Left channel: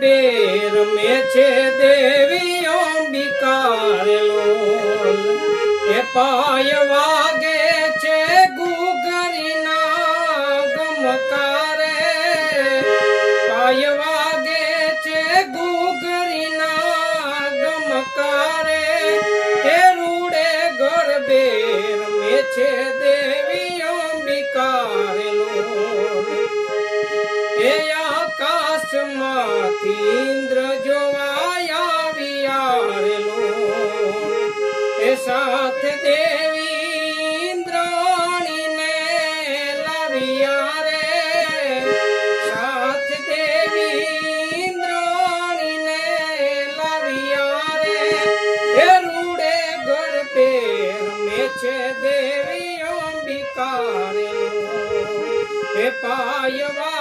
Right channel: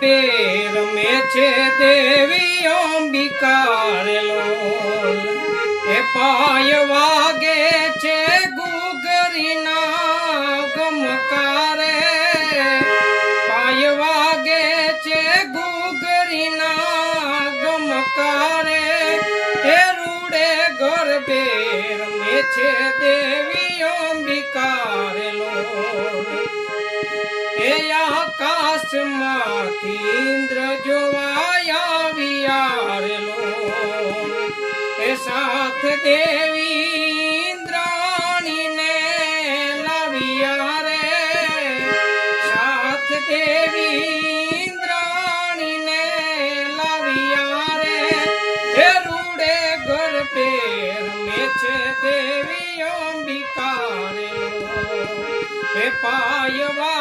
ગરબે રમે છે દેવી અંબિકારેલો એ પાય વાગે છે ગુગરીના ગમકારે. પાય વાગે છે ગુગરીના ગમકારે. એ રૂડે ગરબે રમે છે દેવી આકાશમાંથી ઇન્દ્ર જોવાયા વિયારલો એ સાથ દેવી ઇન્દ્રાણીને લાવ્યા રે સાથ દેવી ઇન્દ્રાણીને લાવ્યા રે હે રૂડે ઘર પેર મેચે દેવી અંબિકા રે પાયવા